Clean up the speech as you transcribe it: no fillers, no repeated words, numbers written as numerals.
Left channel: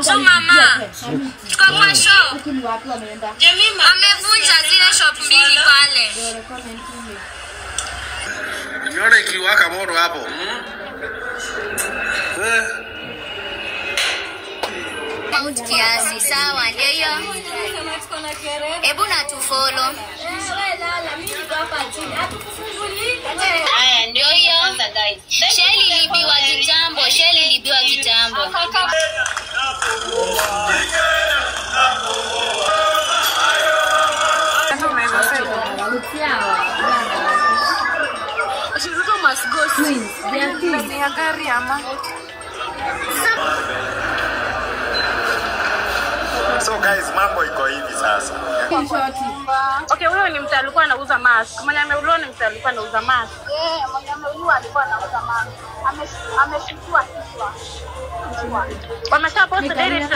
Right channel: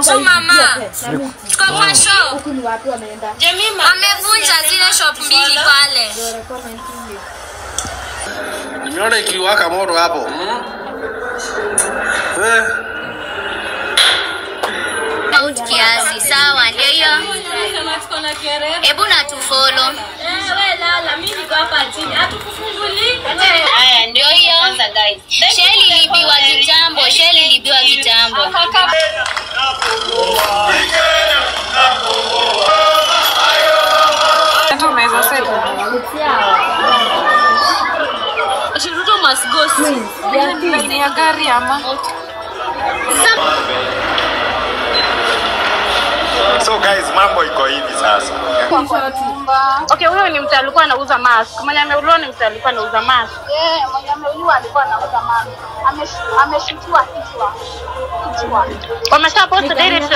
tu mama. Tuko kwa show. Huku ni wapi wameenda? Amevunja zile shop mbili pale. Nimeona ikiwaka moto hapo. Kiasi sawa ndio hiyo. Hebu na tufollow. Wewe lala, mimi niko hapa chini. Hatukufunguli. Haya ndio hiyo. Sheli libiwa kitambo, Sheli libiwa kitambo. Shiruto must go. Ni ya gari ama. So guys, mambo iko hivi sasa. Okay, huyo ni mtu alikuwa anauza mask. Mwenye ameuliwa ni mtu alikuwa anauza mask. Mwenye ameuliwa alikuwa anauza mask. Ameshutiwa kichwa. Wamesha post direct